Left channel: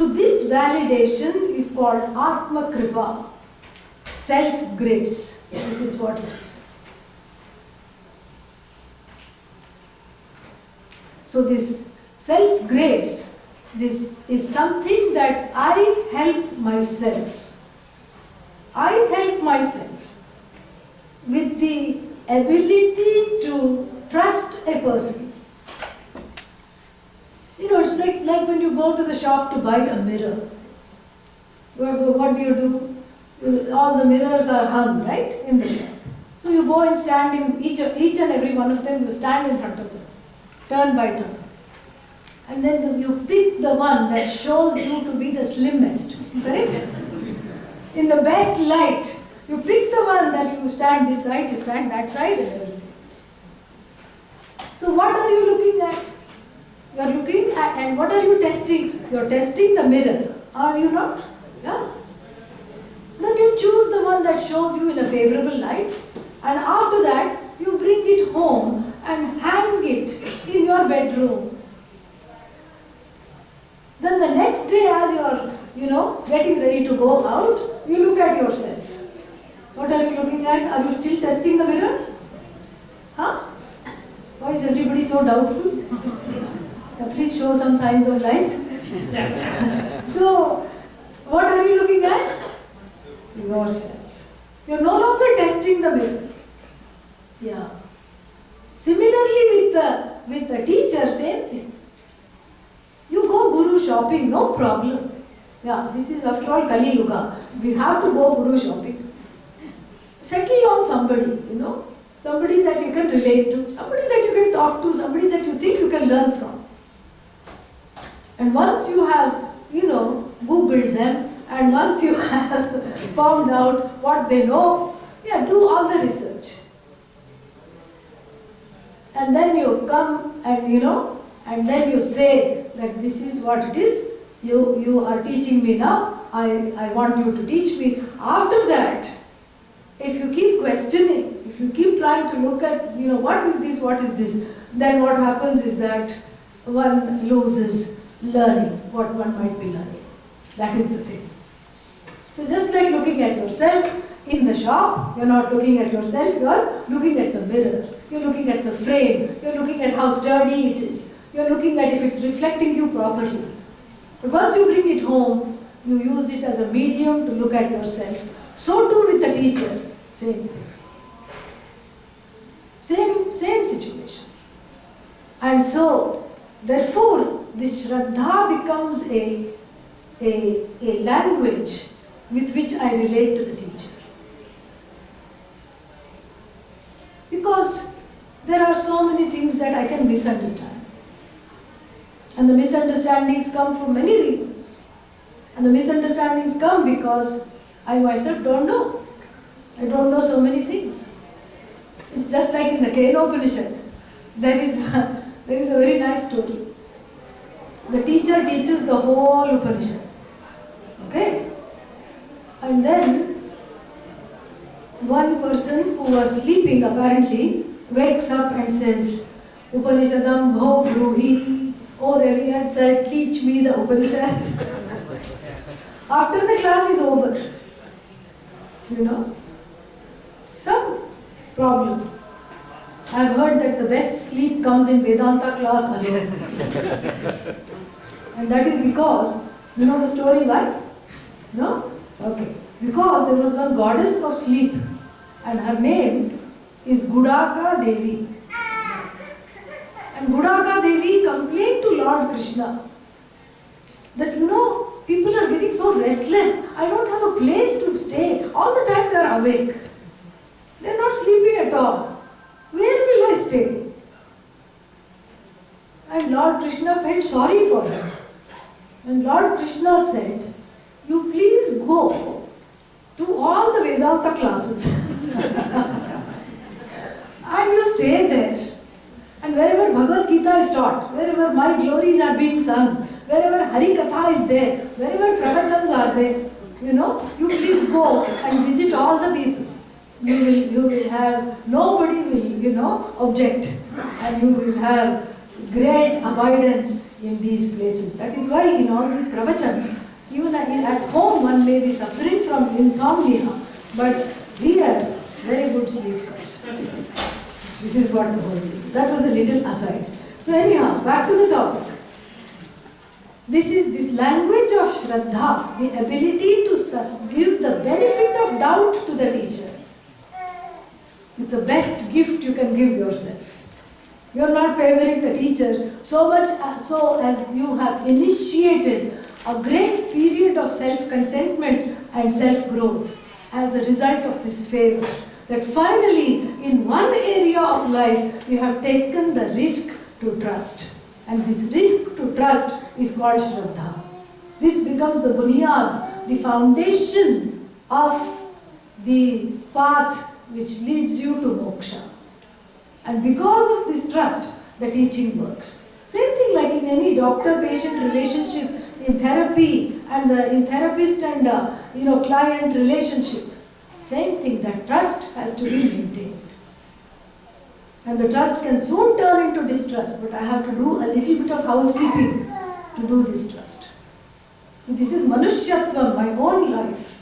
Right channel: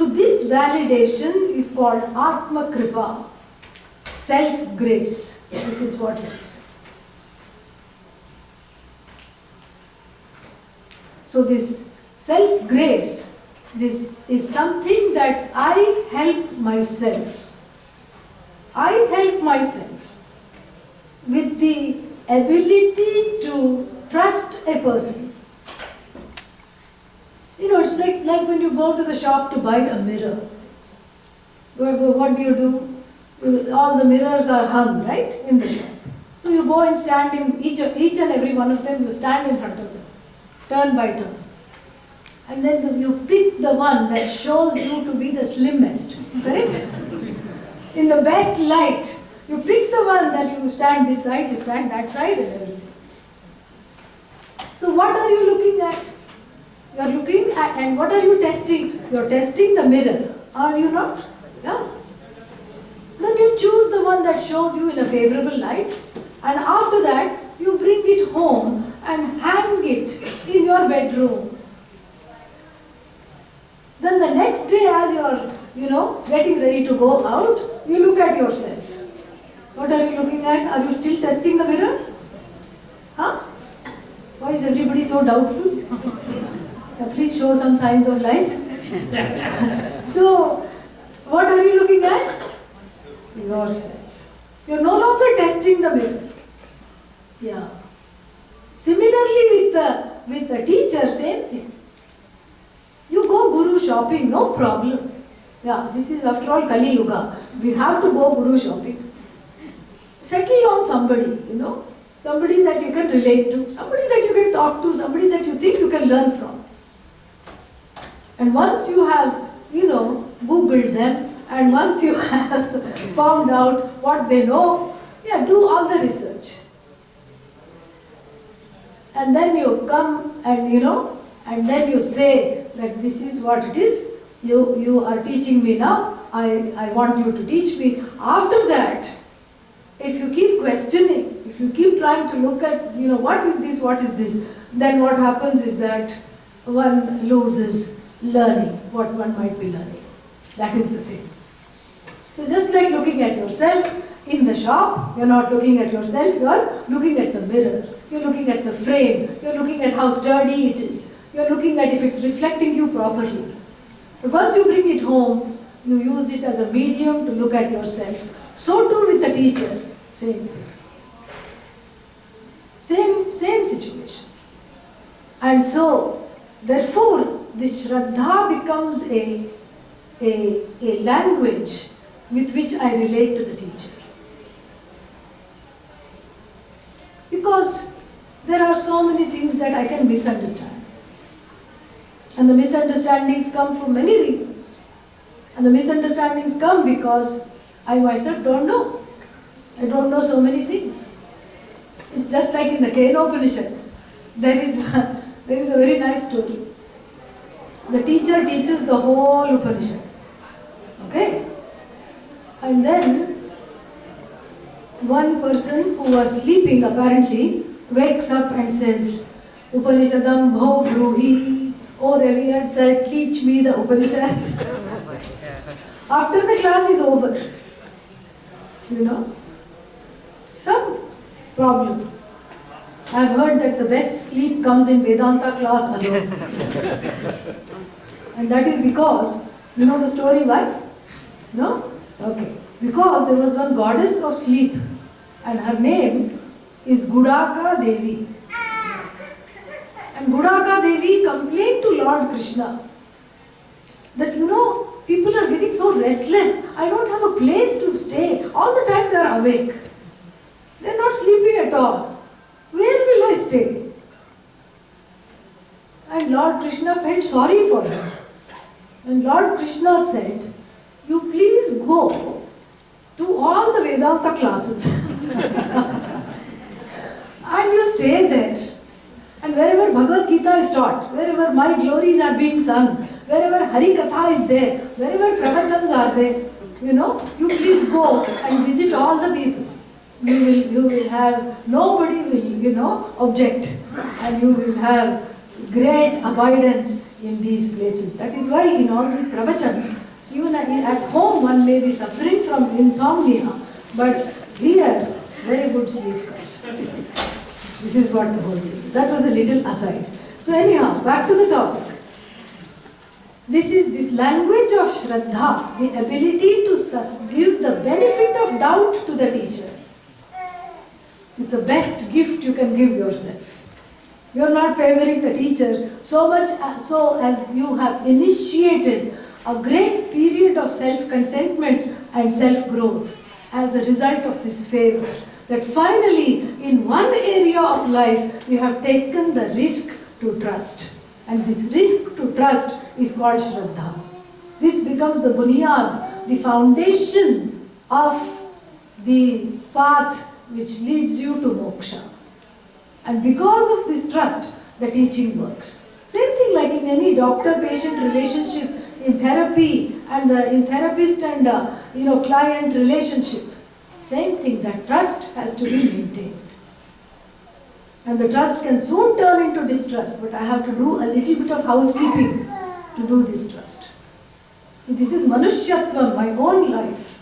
So this validation is called Atma Kripa, self-grace. This is what it is. So this self-grace, this is something that I help myself. I help myself with the ability to trust a person. You know, it's like when you go to the shop to buy a mirror. What do? All the mirrors are hung, right, in the shop. So you go and stand in each and every one of them, you stand in front of them, turn by turn. And then you pick the one that shows you to be the slimmest, correct? In the best light, you pick the one that you stand this side, you stand that side and everything. So what are you looking at? You are looking at, and what are you testing? You are testing the mirror, are you not? Yeah. Then you choose the one that shows you in a favorable light, and after that you bring it home and hang it in your bedroom. Then the next day, as you are, getting ready to go out, you look at yourself. What are you looking at? Are you still testing the mirror? Huh? Why is everybody so doubtful? Please show some signs of life. So, what are you looking at? Yourself. You are no longer testing the mirror. Yeah. Similarly with the teacher, same thing. You go guru shopping, no problem. Yeah, this is after all Kali Yuga. We have to go guru shopping. Settle on somebody, somebody that you can relate to, somebody that you can talk to, somebody that you think you can learn from. And once you have, Googled them, and once you have found out what they know, do all the research. And then you come and, and then you say that this is what it is. You are teaching me now. I want you to teach me. After that, if you keep questioning, if you keep trying to look at, what is this, then what happens is that one loses learning, what one might be learning. That is the thing. So just like looking at yourself in the shop, you're not looking at yourself, you're looking at the mirror. You're looking at the frame. You're looking at how sturdy it is. You're looking at if it's reflecting you properly. But once you bring it home, you use it as a medium to look at yourself. So too with the teacher. Same thing. Same situation. And so, therefore, this Shraddha becomes a language with which I relate to the teacher. Because there are so many things that I can misunderstand. And the misunderstandings come for many reasons. And the misunderstandings come because I myself don't know. I don't know so many things. It's just like in the Kenopanishad. There is a very nice story. The teacher teaches the whole Upanishad. Okay? And then one person who was sleeping apparently wakes up and says, Upanishadam bho bruhi. Oh, revered sir, teach me the Upanishad. After the class is over, some problem. I have heard that the best sleep comes in Vedanta class alone. And that is because, you know the story why? No? Okay. Because there was one goddess of sleep and her name is Gudaka Devi. And Gudaka Devi complained to Lord Krishna that people are getting so restless. I don't have a place to stay. All the time they are awake. They are not sleeping at all. Where will I stay? And Lord Krishna felt sorry for her. And Lord Krishna said, you please go to all the Vedanta classes. And you stay there. And wherever Bhagavad Gita is taught, wherever my glories are being sung, wherever Hari Katha is there, wherever pravachans are there, you please go and visit all the people. You will have, nobody will, object. And you will have great abidance in these places. That is why in all these pravachans, even at home one may be suffering from insomnia, but here very good sleep comes. This is what the whole thing is. That was a little aside. So anyhow, back to the topic. This is this language of Shraddha, the ability to give the benefit of doubt to the teacher, is the best gift you can give yourself. You are not favoring the teacher so much so as you have initiated a great period of self-contentment and self-growth as a result of this favor. That finally, in one area of life, you have taken the risk to trust. And this risk to trust is called Shraddha. This becomes the bunyad, the foundation of the path which leads you to moksha. And because of this trust, the teaching works. Same thing like in any doctor-patient relationship, in therapy, and in therapist and client relationship. Same thing, that trust has to be maintained. And the trust can soon turn into distrust, but I have to do a little bit of housekeeping to do this trust. So this is Manushyattvam, my own life.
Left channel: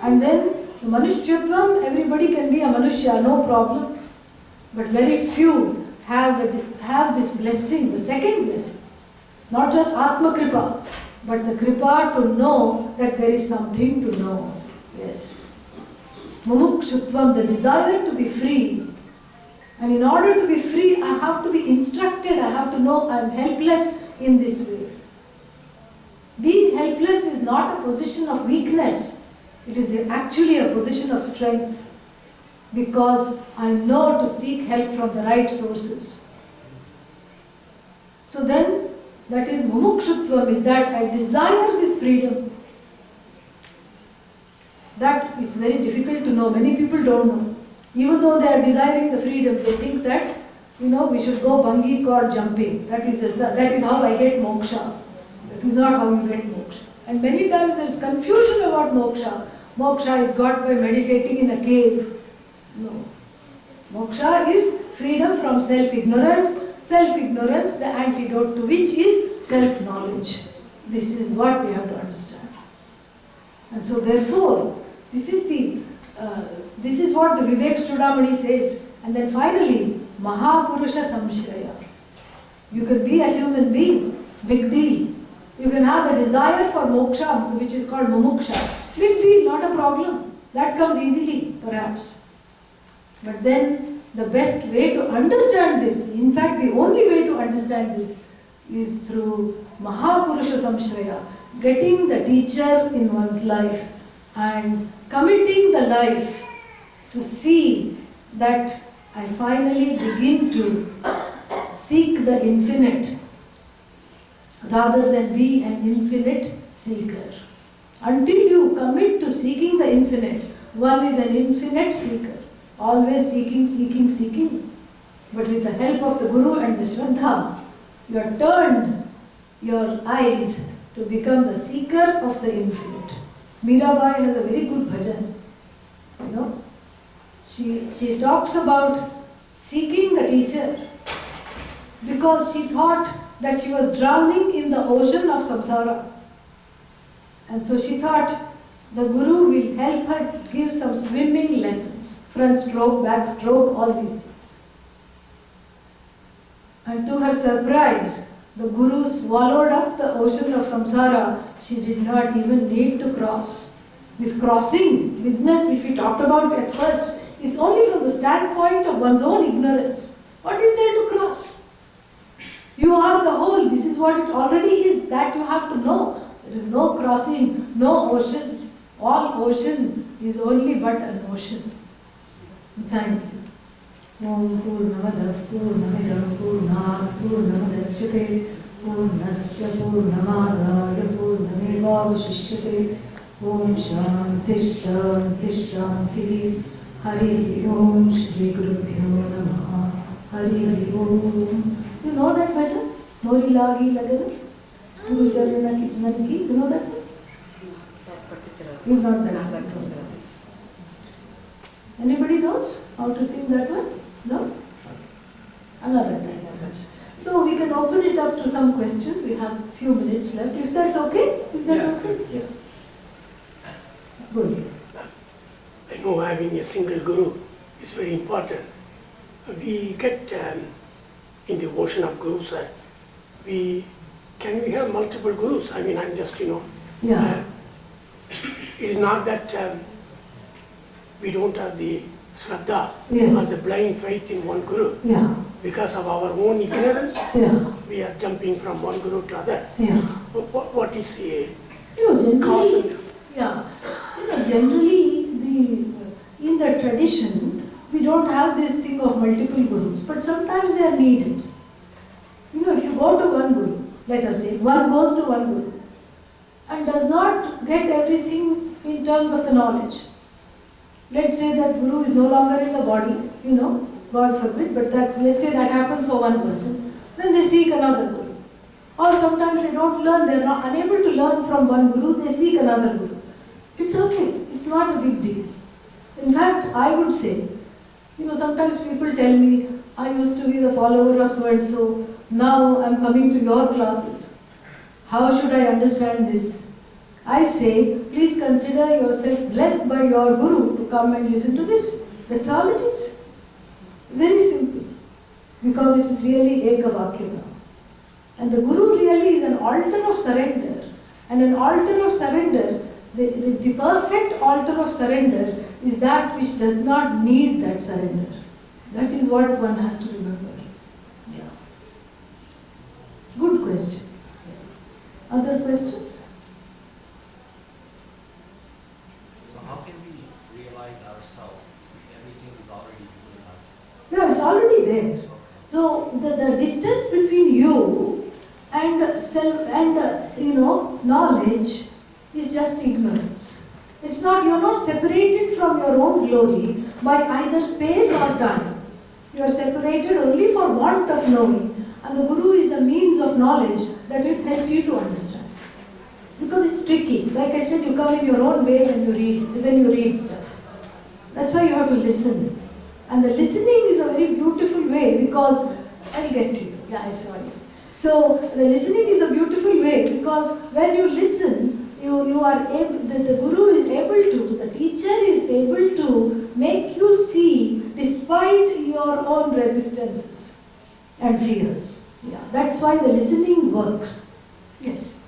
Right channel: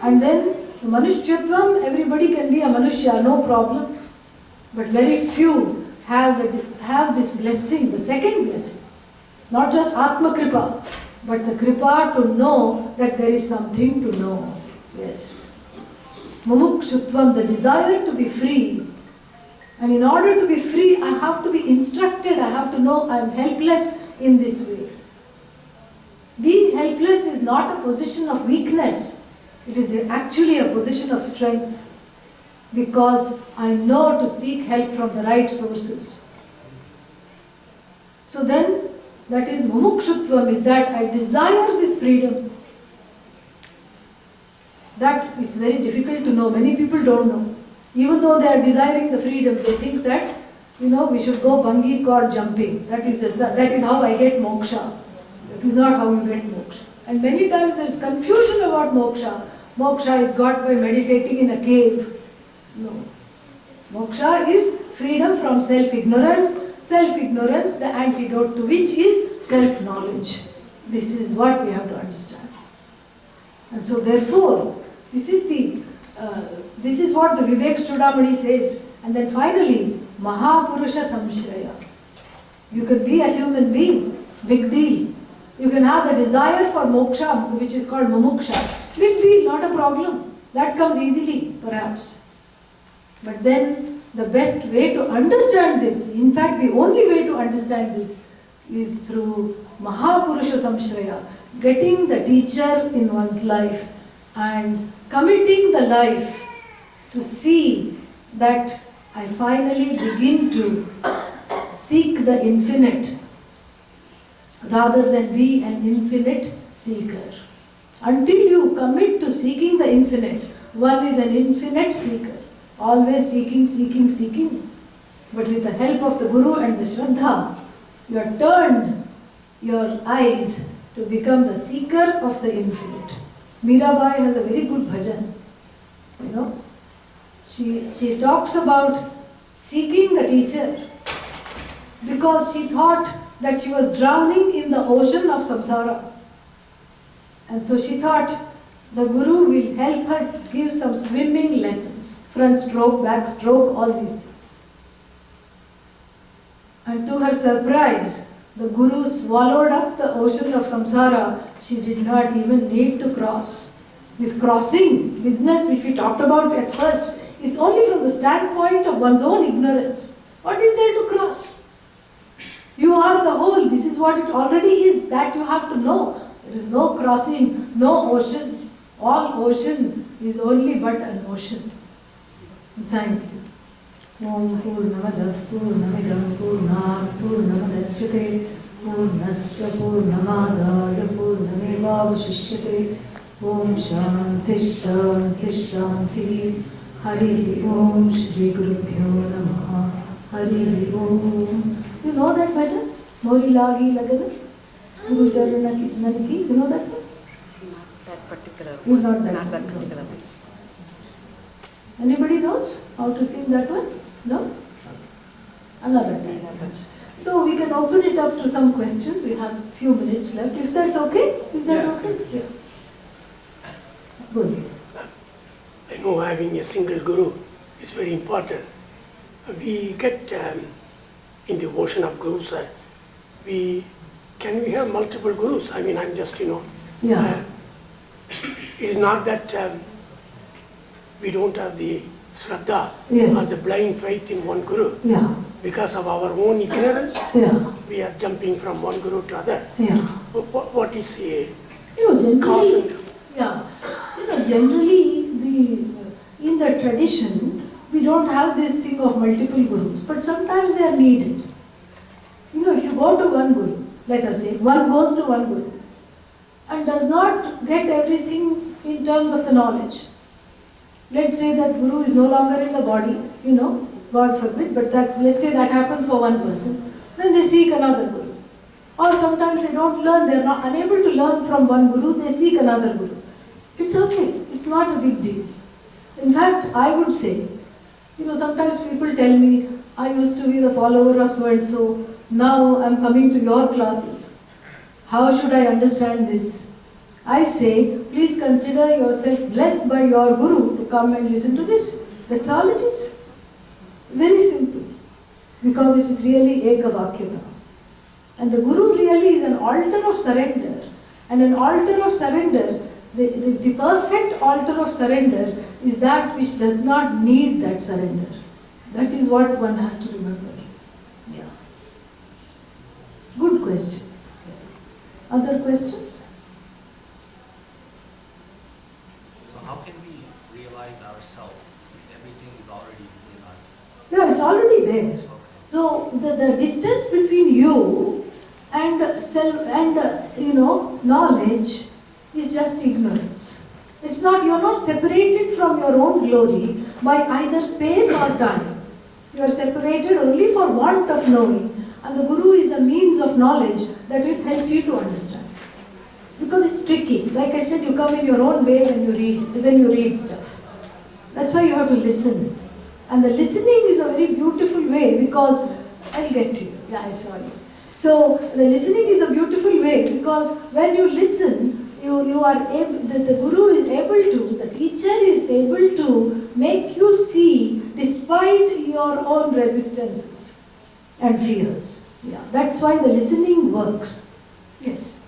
And then Manushyattvam, everybody can be a Manushya, no problem. But very few have this blessing, the second blessing. Not just Atma Kripa, but the Kripa to know that there is something to know. Yes. Mumukshutvam, the desire to be free. And in order to be free, I have to be instructed, I have to know I am helpless in this way. Being helpless is not a position of weakness. It is actually a position of strength. Because I know to seek help from the right sources. So then, that is mumukshutvam, is that I desire this freedom. That is very difficult to know. Many people don't know. Even though they are desiring the freedom, they think that, we should go bungee cord jumping. That is how I get moksha. That is not how you get moksha. And many times there is confusion about moksha. Moksha is got by meditating in a cave. No. Moksha is freedom from self-ignorance. Self-ignorance, the antidote to which is self-knowledge. This is what we have to understand. And so therefore, this is what the Vivek Chudamani says. And then finally, Mahapurusha Samshraya. You can be a human being, big deal. You can have the desire for moksha, which is called mumuksha. Big deal, not a problem. That comes easily, perhaps. But then, the best way to understand this, in fact, the only way to understand this is through Mahapurusha Samshraya, getting the teacher in one's life and committing the life to see that I finally begin to seek the infinite rather than be an infinite seeker. Until you commit to seeking the infinite, one is an infinite seeker. Always seeking, seeking, seeking. But with the help of the Guru and the Shraddha, you have turned your eyes to become the seeker of the infinite. Mirabai has a very good bhajan. She talks about seeking the teacher because she thought that she was drowning in the ocean of samsara. And so she thought the Guru will help her give some swimming lessons. Front stroke, back stroke, all these things. And to her surprise, the Guru swallowed up the ocean of samsara. She did not even need to cross. This crossing business which we talked about at first, it's only from the standpoint of one's own ignorance. What is there to cross? You are the whole. This is what it already is. That you have to know. There is no crossing, no ocean. All ocean is only but an ocean. Thank you. Om Purnamada Purnamidam Purnat Purnamadachyate Purnasya Purnamadaya Purnamevavashishyate Om Shanti Shanti Shanti Hari Om Shri Gurubhyo Namaha Hari Om. You know that bhajan? Mori lagi lagana? Guru Charana ki nanki. You know that one? That particular. You know that. Not that particular. Anybody knows how to sing that one? No? Another time perhaps. So we can open it up to some questions. We have a few minutes left. If that's okay? Is that okay? Yes. Good. I know having a single guru is very important. We get in the ocean of gurus, can we have multiple gurus? I mean, I'm just, Yeah. it is not that we don't have the Shraddha Yes. or the blind faith in one guru. Yeah. Because of our own ignorance, Yeah. we are jumping from one guru to other. Yeah. What is the Generally, cause? And yeah. Generally, in the tradition, we don't have this thing of multiple gurus, but sometimes they are needed. If you go to one guru, let us say, one goes to one guru and does not get everything in terms of the knowledge. Let's say that guru is no longer in the body, God forbid, but let's say that happens for one person, then they seek another guru. Or sometimes they don't learn, they are not unable to learn from one guru, they seek another guru. It's okay, it's not a big deal. In fact, I would say, sometimes people tell me, I used to be the follower of so and so, now I'm coming to your classes. How should I understand this? I say, please consider yourself blessed by your guru to come and listen to this. That's all it is. Very simple. Because it is really Ekavakya. And the guru really is an altar of surrender. And an altar of surrender, the perfect altar of surrender is that which does not need that surrender. That is what one has to remember. Yeah. Good question. Other questions? So how can we realize ourselves if everything is already within us? Yeah, it's already there. Okay. So the distance between you and self and knowledge is just ignorance. It's not, you're not separated from your own glory by either space or time. You are separated only for want of knowing. And the guru is a means of knowledge that will help you to understand. Because it's tricky. Like I said, you come in your own way when you read stuff. That's why you have to listen. And the listening is a very beautiful way because, I'll get to you. Yeah, I saw you. So the listening is a beautiful way because when you listen, you are able, the guru is able to, the teacher is able to make you see despite your own resistances and fears. Yeah, that's why the listening works. Yes.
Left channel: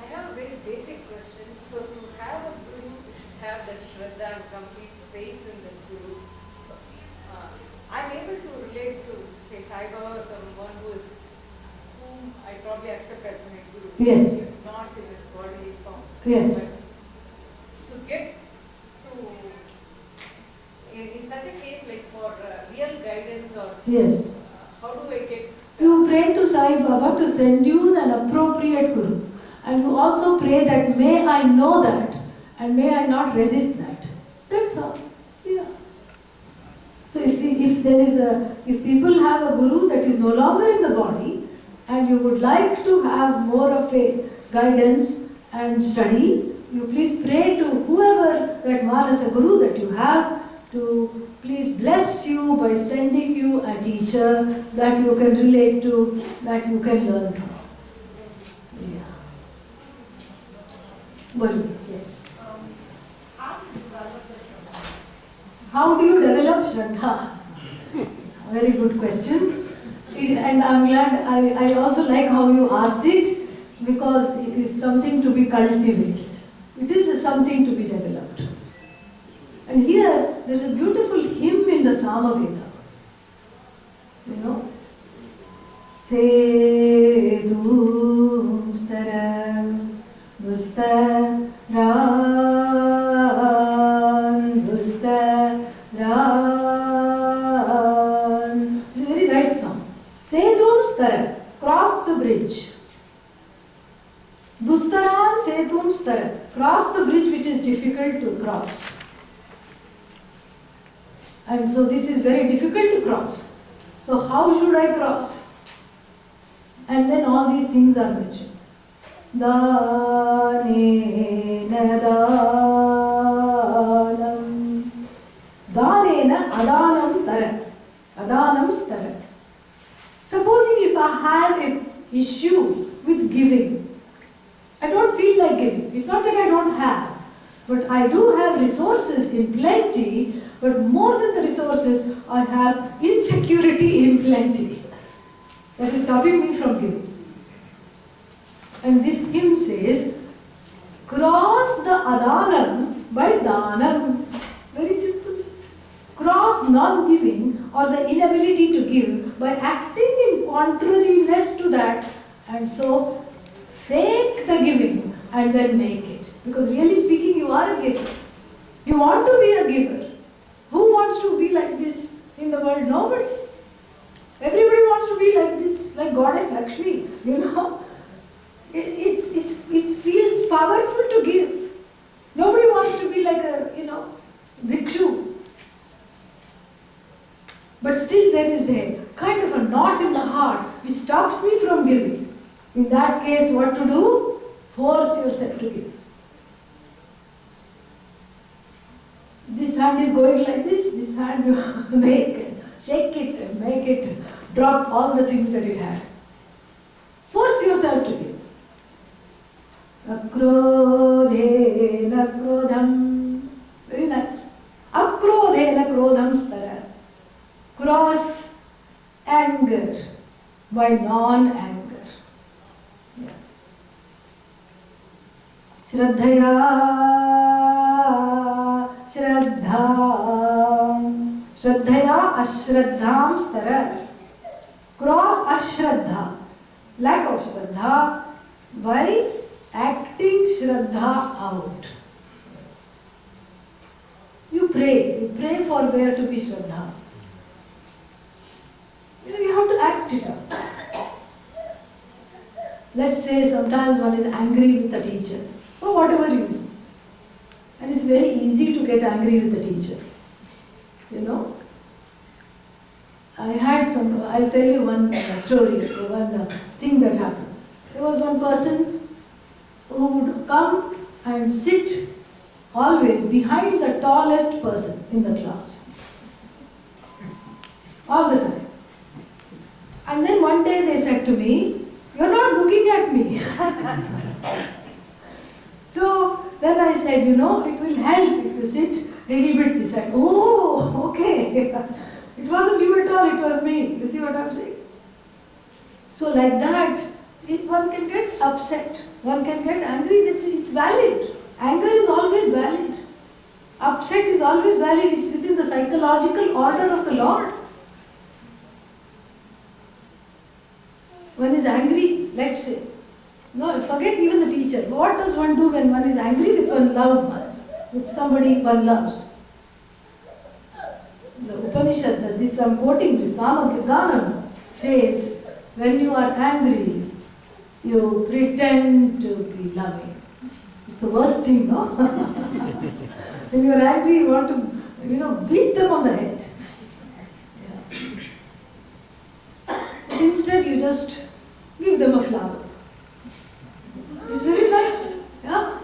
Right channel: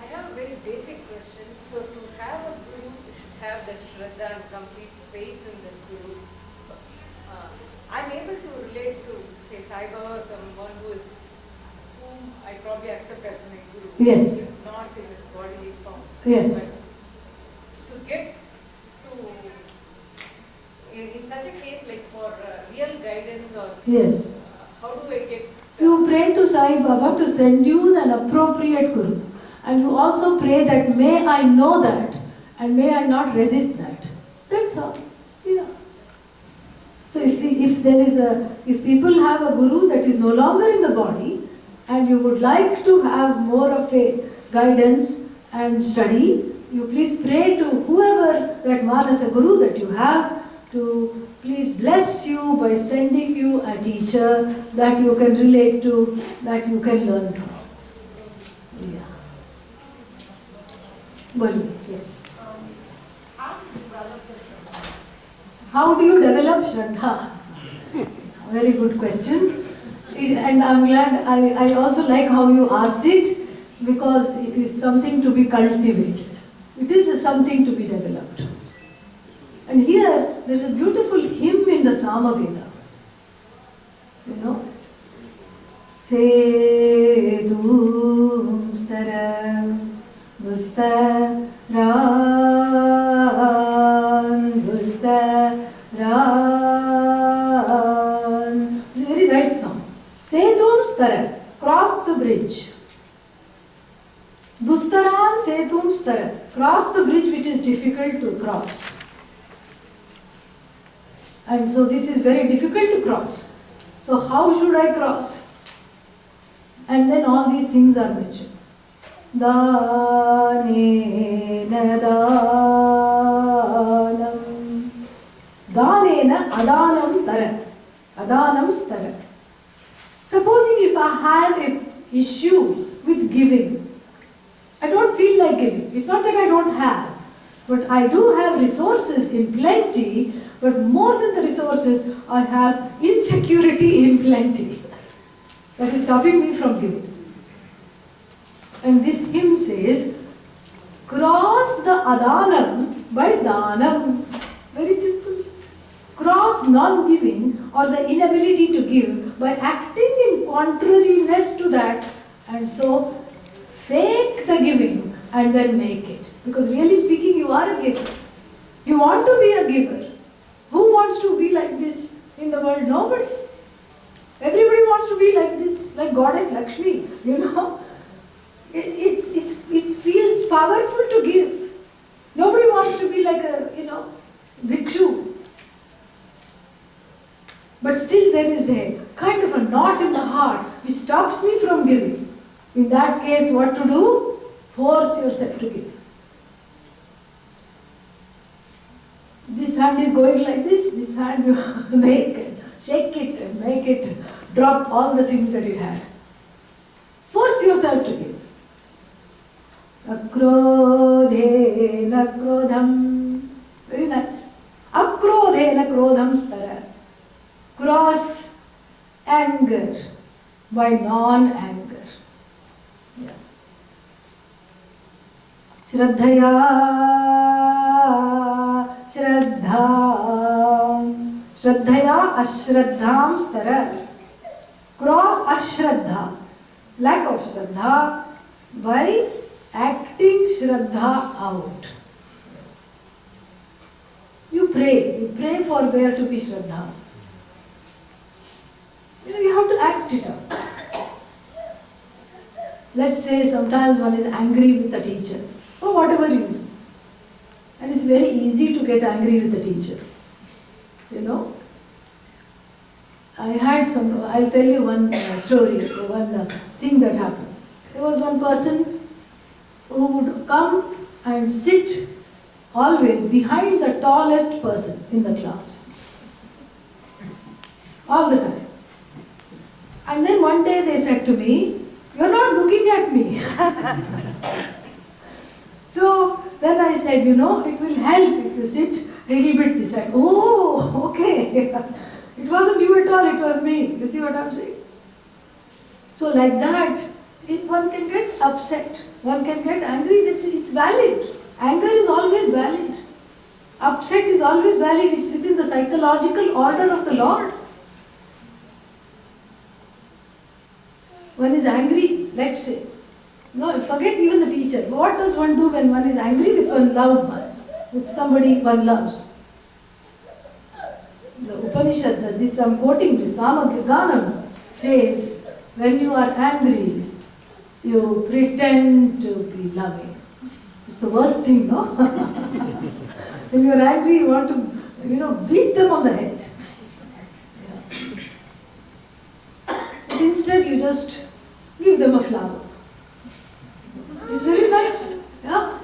I have a very basic question. So to have a guru, you should have that shraddha and complete faith in the guru. I'm able to relate to, say, Sai Baba or someone whom I probably accept as my guru. Yes. He's not in his bodily form. Yes. But to get to, in such a case, like for real guidance or Yes. how do I get... You pray to Sai Baba to send you an appropriate guru. And you also pray that may I know that and may I not resist that. That's all. Yeah. So if people have a guru that is no longer in the body and you would like to have more of a guidance and study, you please pray to whoever that Manasa Guru that you have to please bless you by sending you a teacher that you can relate to, that you can learn from. Yeah. Well, yes. How do you develop Shraddha? Very good question. And I'm glad, I also like how you asked it because it is something to be cultivated. It is something to be developed. And here, there is a beautiful hymn in the Samaveda. Sedum stara dustaran dustaran. It's a very nice song. Sedum stara, cross the bridge. Dustaran sedum stara, cross the bridge which is difficult to cross. And so this is very difficult to cross. So how should I cross? And then all these things are mentioned. Danena danam. Danena adanam tara. Adanam stara. Supposing if I have an issue with giving, I don't feel like giving. It's not that I don't have, but I do have resources in plenty, but more than the resources, I have insecurity in plenty. That is stopping me from giving. And this hymn says, cross the adanam by danam. Very simple. Cross non-giving or the inability to give by acting in contrariness to that, and so fake the giving and then make it. Because really speaking, you are a giver. You want to be a giver. Who wants to be like this in the world? Nobody. Everybody wants to be like this, like Goddess Lakshmi, you know. It feels powerful to give. Nobody wants to be like a, bhikshu. But still there is a kind of a knot in the heart which stops me from giving. In that case, what to do? Force yourself to give. This hand is going like this hand you make it, shake it and make it drop all the things that it had. Force yourself to give. Akrodhena krodham. Very nice. Akrodhena krodham stara. Cross anger by non-anger. Yeah. Shraddhaya Shraddham. Shraddhaya ashraddham stara. Cross ashraddha, lack of shraddha, by acting shraddha out. You pray for there to be shraddha. You have to act it out. Let's say sometimes one is angry with the teacher, for whatever reason. And it's very easy to get angry with the teacher. I'll tell you one story, one thing that happened. There was one person who would come and sit always behind the tallest person in the class. All the time. And then one day they said to me, "You're not looking at me." So then I said, it will help if you sit a little bit this side. Oh, okay. It wasn't you at all, it was me. You see what I'm saying? So like that, one can get upset. One can get angry. It's valid. Anger is always valid. Upset is always valid. It's within the psychological order of the Lord. One is angry, let's say. No, forget even the teacher. What does one do when one is angry with one loved ones, with somebody one loves? The Upanishad, this I'm quoting, this Samaganam says, when you are angry, you pretend to be loving. It's the worst thing, no? When you are angry, you want to, beat them on the head. Yeah. But instead, you just give them a flower. It's very nice. Yeah?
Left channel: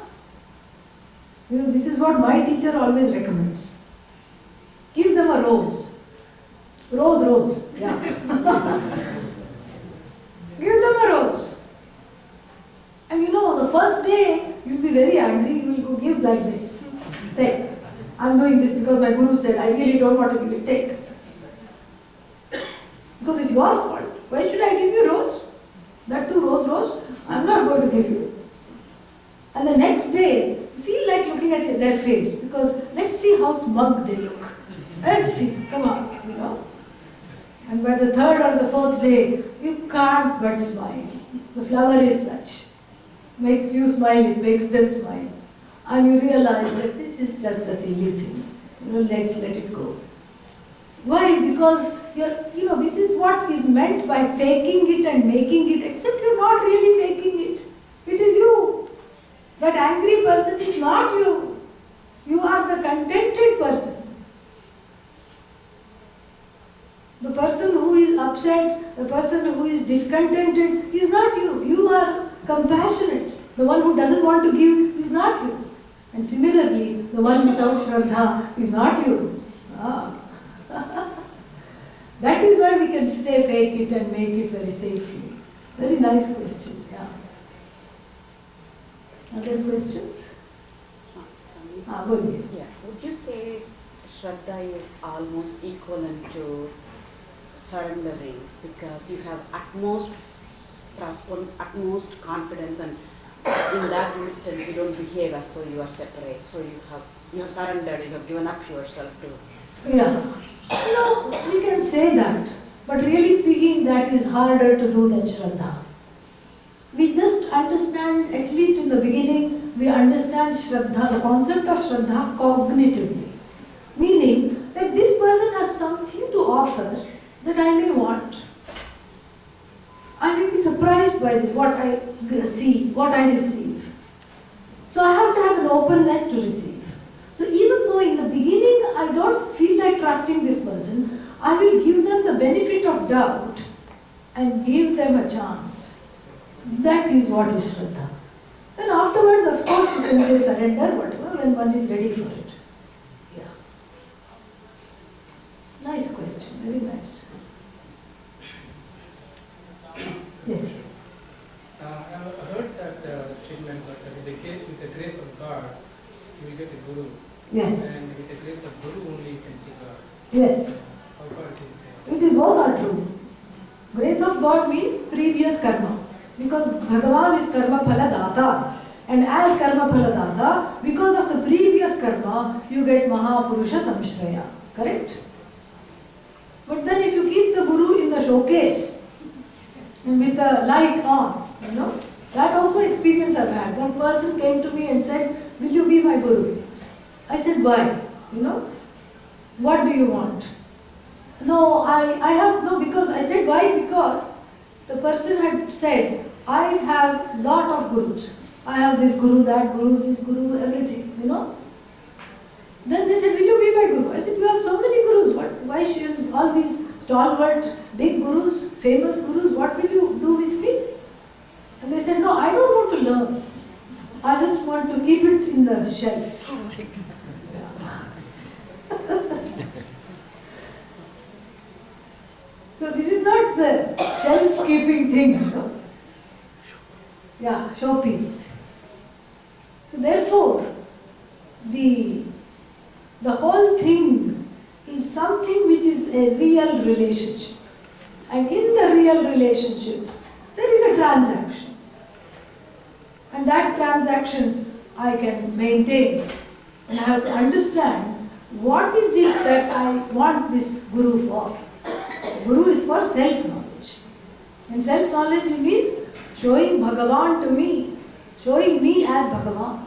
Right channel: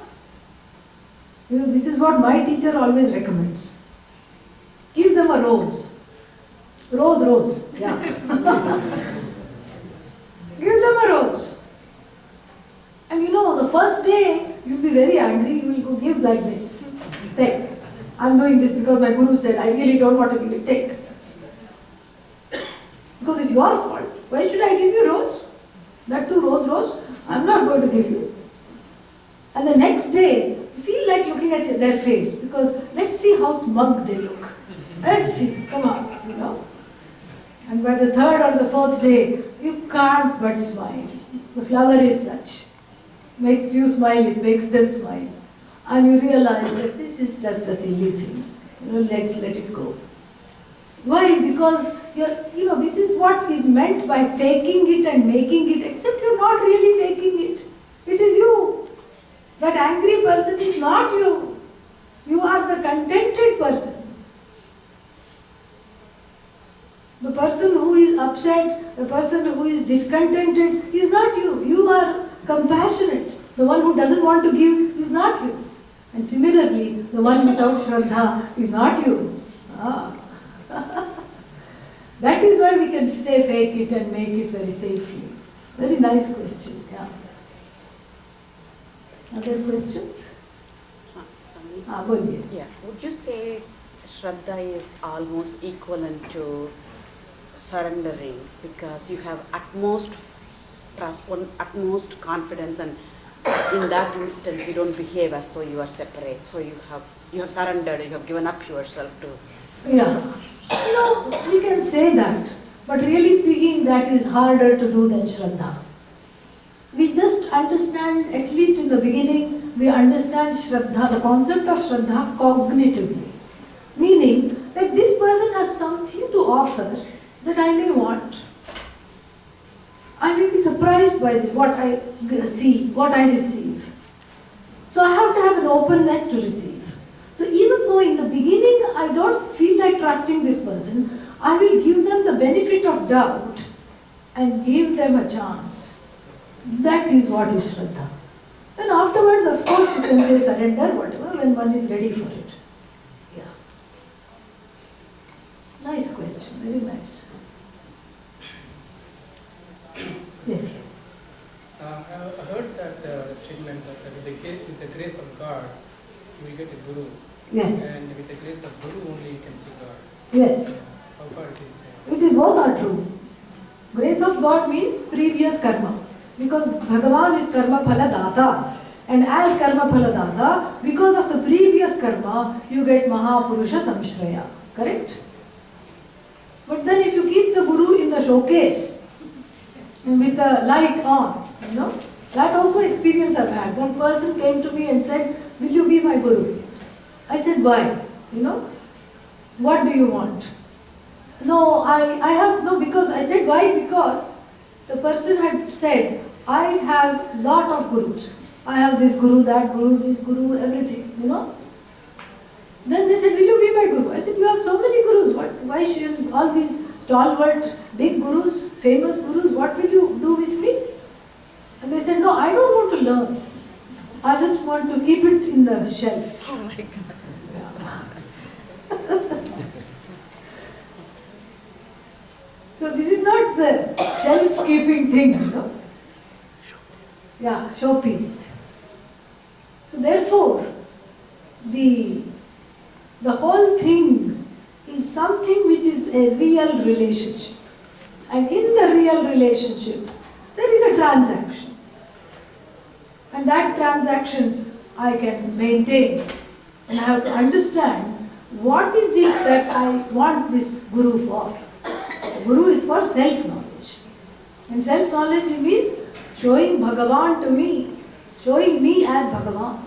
This is what my teacher always recommends. Give them a rose. Rose. Yeah. Give them a rose. And the first day, you'll be very angry. You will go give like this. Take. I'm doing this because my guru said, I really don't want to give it. Take. Because it's your fault. Why should I give you rose? That too, rose. I'm not going to give you. And the next day, you feel like looking at their face because let's see how smug they look. Let's see, come on, And by the third or the fourth day, you can't but smile. The flower is such. Makes you smile, it makes them smile. And you realize that this is just a silly thing. Let's let it go. Why? Because this is what is meant by faking it and making it, except you're not really faking it. It is you. That angry person is not you. You are the contented person. The person who is upset, the person who is discontented is not you. You are compassionate. The one who doesn't want to give is not you. And similarly, the one without Shraddha is not you. That is why we can say fake it and make it very safely. Very nice question, yeah. Other questions? Boliye. Yeah. Would you say Shraddha is almost equivalent to surrendering because you have utmost trust, utmost confidence, and in that instant you don't behave as though you are separate. So you have surrendered, you have given up yourself to. Yeah. We can say that, but really speaking, that is harder to do than Shraddha. We just understand, at least in the beginning, we understand Shraddha, the concept of Shraddha cognitively. Meaning that this person has something to offer that I may want. I may be surprised by what I see, what I receive. So I have to have an openness to receive. So even though in the beginning I don't feel like trusting this person, I will give them the benefit of doubt and give them a chance. That is what is Shraddha. Then afterwards, of course, you can say surrender, whatever, when one is ready for it. Yeah. Nice question, very nice. Yes. I heard that statement that with the grace of God, you will get a guru. Yes. And with the grace of guru only you can see God. Yes. How far it is? It is both are true. Grace of God means previous karma. Because Bhagavan is karma phala data. And as karma phala data, because of the previous karma, you get Mahapurusha Samshraya. Correct? But then if you keep the guru in the showcase, with the light on, that also experience I've had. One person came to me and said, will you be my guru? I said, why? What do you want? No, I have, no, because I said, why? Because the person had said, I have lot of gurus. I have this guru, that guru, this guru, everything, Then they said, will you be my guru? I said, you have so many gurus. Why should all these stalwart, big gurus, famous gurus, what will you do with me? And they said, no, I don't want to learn. I just want to keep it in the shelf. Oh my God. So this is not the shelf-keeping thing, Yeah, showpiece. So therefore, the whole thing is something which is a real relationship. And in the real relationship, there is a transaction. And that transaction I can maintain. And I have to understand what is it that I want this guru for. Guru is for self-knowledge. And self-knowledge means showing Bhagavan to me, showing me as Bhagavan.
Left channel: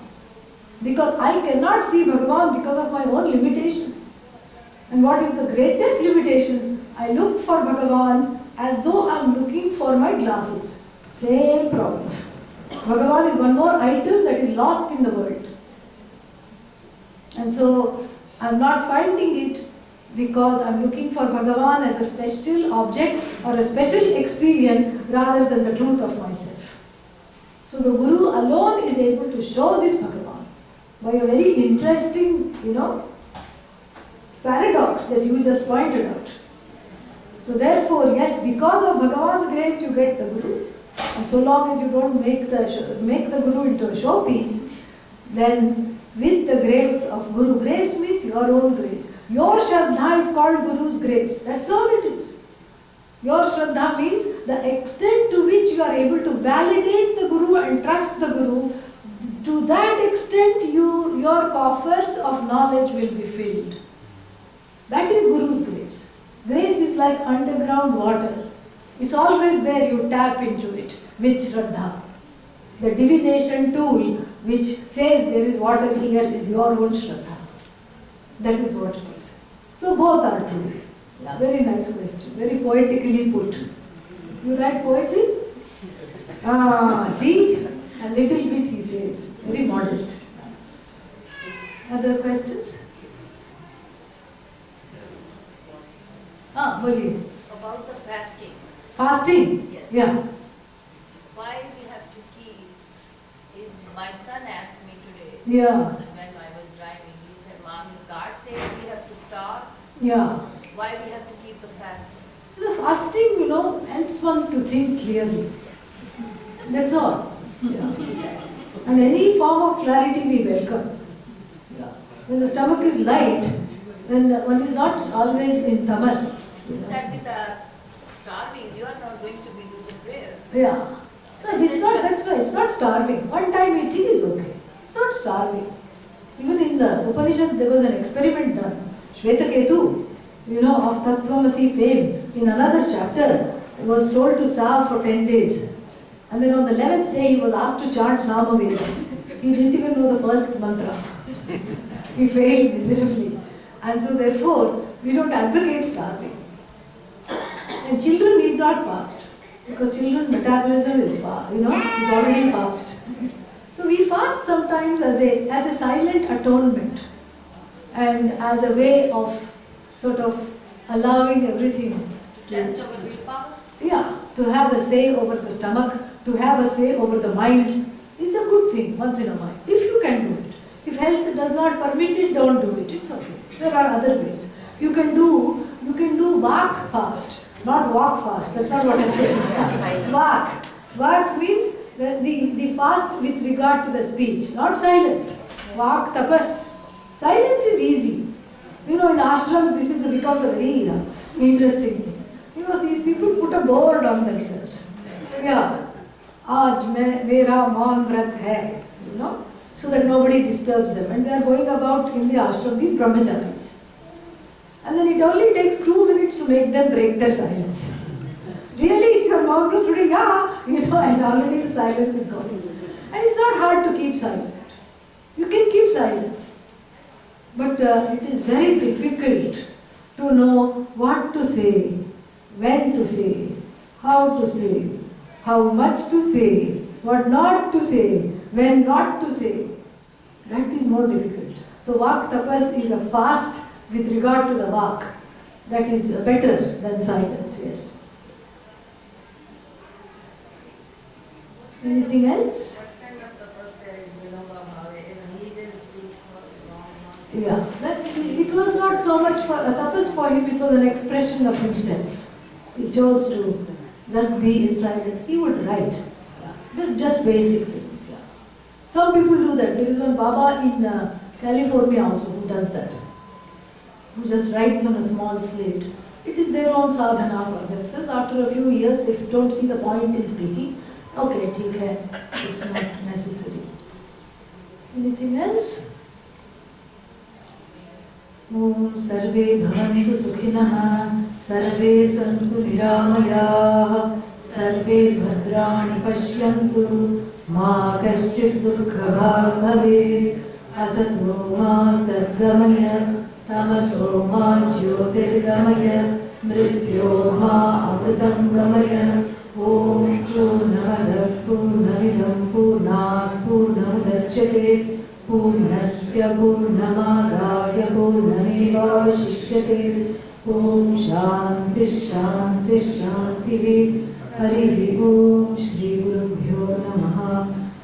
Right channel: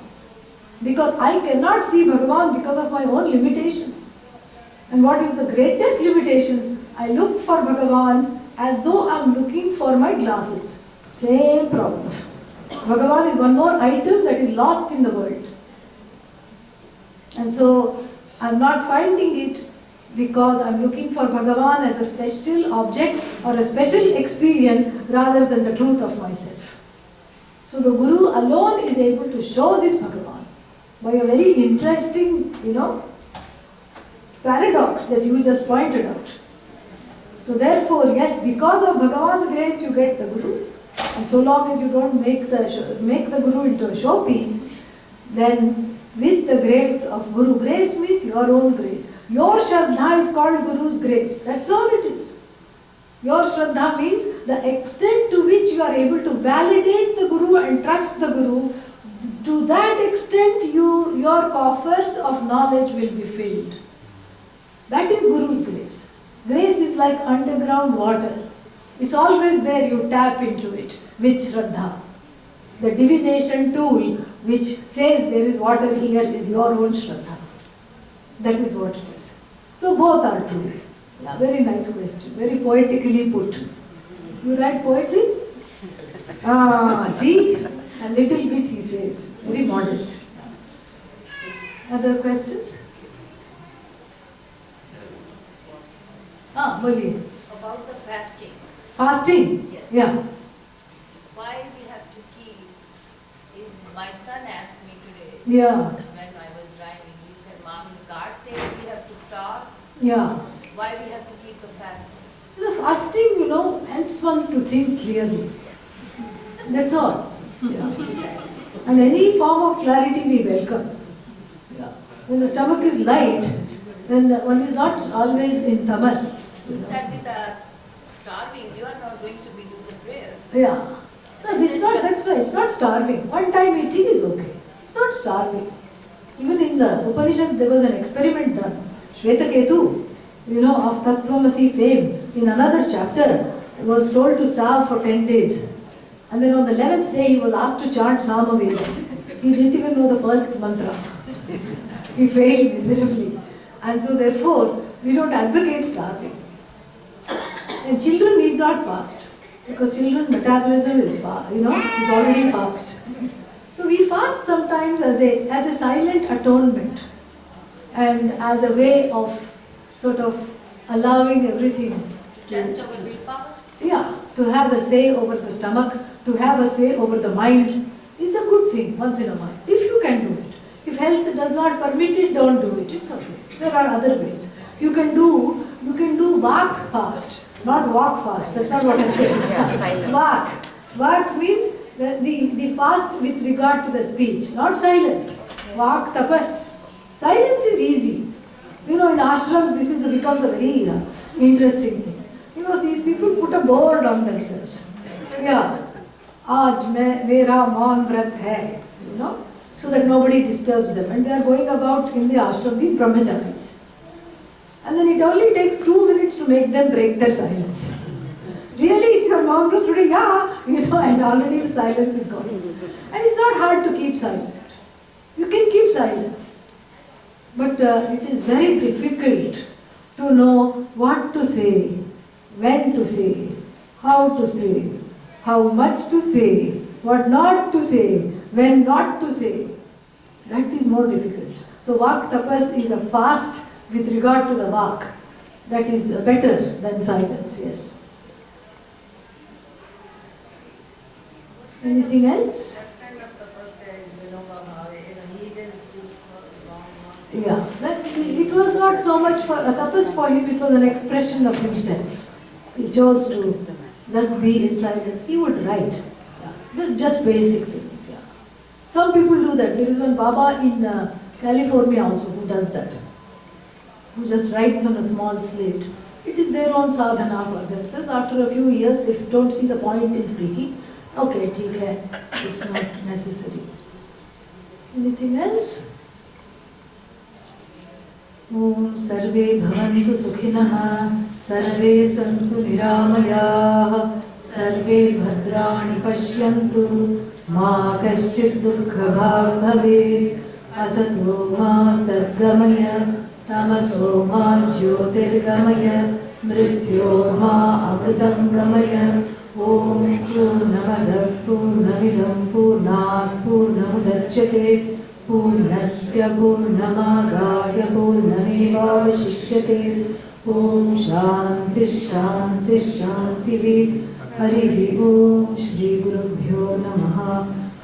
Because I cannot see Bhagavan because of my own limitations. And what is the greatest limitation? I look for Bhagavan as though I am looking for my glasses. Same problem. Bhagavan is one more item that is lost in the world. And so I am not finding it because I am looking for Bhagavan as a special object or a special experience rather than the truth of myself. So the Guru alone is able to show this Bhagavan by a very interesting, paradox that you just pointed out. So therefore, yes, because of Bhagavan's grace you get the Guru. And so long as you don't make the Guru into a showpiece, then with the grace of Guru, grace means your own grace. Your Shraddha is called Guru's grace. That's all it is. Your Shraddha means the extent to which you are able to validate the Guru and trust the Guru. To that extent, your coffers of knowledge will be filled. That is Guru's grace. Grace is like underground water. It's always there, you tap into it with Shraddha. The divination tool which says there is water here is your own Shraddha. That is what it is. So both are true. Yeah, very nice question. Very poetically put. You write poetry? See? A little bit he says. Very modest. Other questions? Boliye. About the fasting. Fasting? Yes. Yeah. Why we have to keep is my son asked me today. Yeah. When I was driving, he said, Mom, is God saying we have to stop? Yeah. why we have to keep the fasting? The fasting, you know, helps one to think clearly. That's all. Yeah. And any form of clarity we welcome. Yeah. When the stomach is light, then one is not always in tamas. You said with the starving, you are not going to be doing the prayer. Yeah. No, it's not, that's right, it's not starving. One time eating is okay. It's not starving. Even in the Upanishad, there was an experiment done. Shvetaketu, you know, of Tattvamasi fame, in another chapter, was told to starve for 10 days. And then on the 11th day, he was asked to chant Samaveda. He didn't even know the first mantra. He failed miserably. And so therefore, we don't advocate starving. And children need not fast, because children's metabolism is is already fast. So we fast sometimes as a silent atonement, and as a way of sort of allowing everything. Test our willpower? Yeah, to have a say over the stomach, to have a say over the mind. It's a good thing once in a while, if you can do it. If health does not permit it, don't do it. It's okay. There are other ways. You can do walk fast, not walk fast. That's not what I'm saying. Yeah, silence. Walk means the fast with regard to the speech, not silence. Walk, tapas. Silence is easy. You know, in ashrams, becomes a very interesting thing. You know, these people put a board on themselves. Yeah. Aaj mera maun vrat hai. You know, so that nobody disturbs them. And they are going about in the ashram, these brahmacharis. And then it only takes 2 minutes to make them break their silence. Really, it's your maun vrat today, yeah. You know, and already the silence is gone. And it's not hard to keep silent. You can keep silence. But it is very difficult to know what to say, when to say, how to say, how much to say, what not to say, when not to say. That is more difficult. So Vak Tapas is a fast with regard to the Vak. That is better than silence, yes. Anything else? What kind of tapasya is Vinoba Bhave? He didn't speak for long. Yeah, it was not so much for a tapas for him, it was an expression of himself. He chose to just be in silence. He would write, just basic things. Yeah. Some people do that. There is one Baba in California also who does that, who just writes on a small slate. It is their own sadhana for themselves. After a few years, if you don't see the point in speaking, okay, theek hai, it's not necessary. Anything else? Om Sarve Bhavantu Sukhinah, Sarve Santu Niramayah, Sarve Bhadrani Pashyantu, Ma Kaschit Dukha Bhav Bhavet, Asato Ma Sadgamaya, Tamaso Ma Jyotirgamaya, Mrityo Ma Amritangamaya, Om Purnamadav Purnamidam Purnat Purnamudachyate, Purnasya Purnamadaya Purnamevavashishyate. Om Shanti Shanti Shanti. Harihi Om. Shri Gurubhyo Namaha.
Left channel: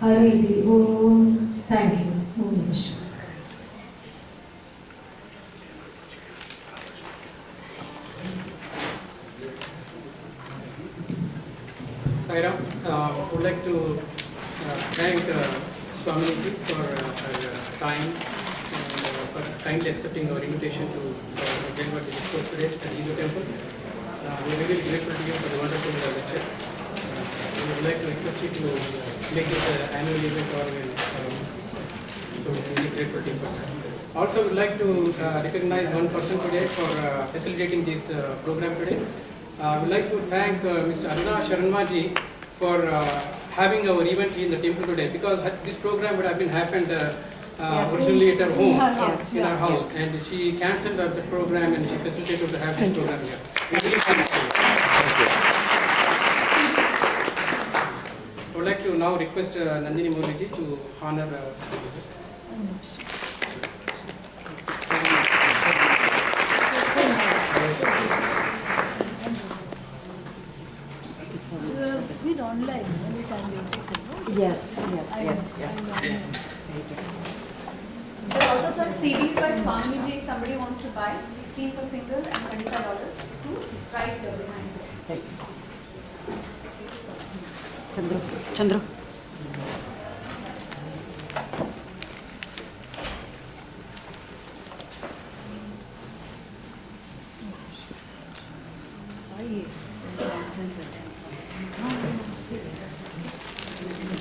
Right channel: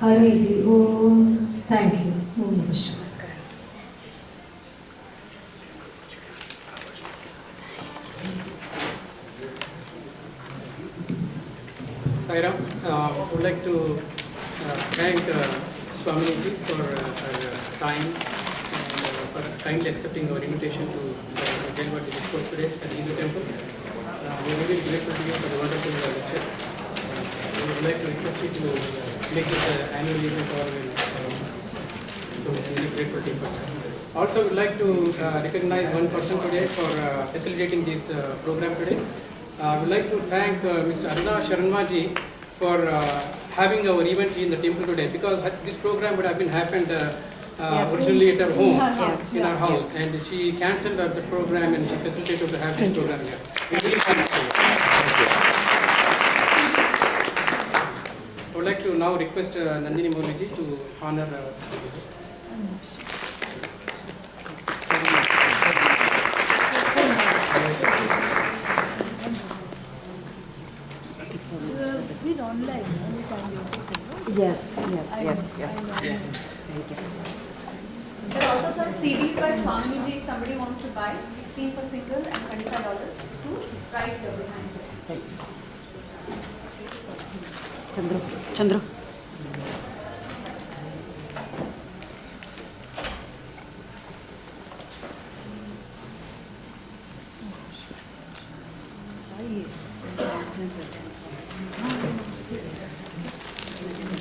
Harihi Om. Thank you. Om Namah Shivaya. Sairam, I would like to thank Swamini ji for her time and for kindly accepting our invitation to deliver the discourse today at the Hindu temple. We are really grateful to you for the wonderful lecture. We would like to request you to make this an annual event or so we are really grateful to you for that. Also, we would like to recognize one person today for facilitating this program today. I would like to thank Mr. Aruna Sharanmaji for having our event in the temple today, because this program would have been happened originally at her home, in her house, and she cancelled the program and she facilitated to have this program here. We really thank you. I would like to now request Nandini Mouliji to honor Been online anytime you're taken, no? Yes. Thank you. There are also some CDs by Swamini Ji if somebody wants to buy, 15 for single and $25 to write behind it. Chandra.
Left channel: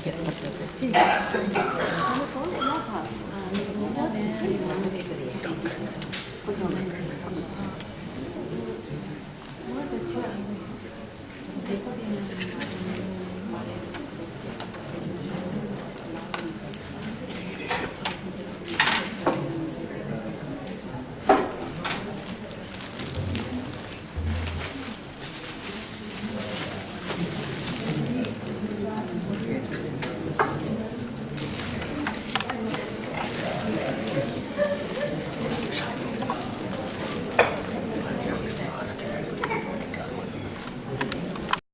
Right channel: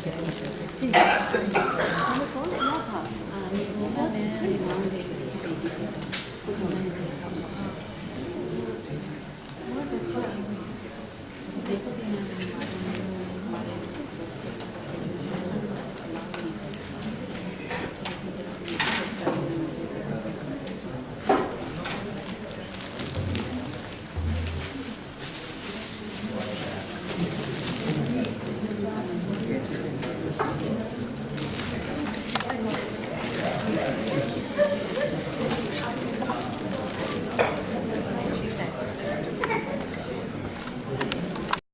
Yes,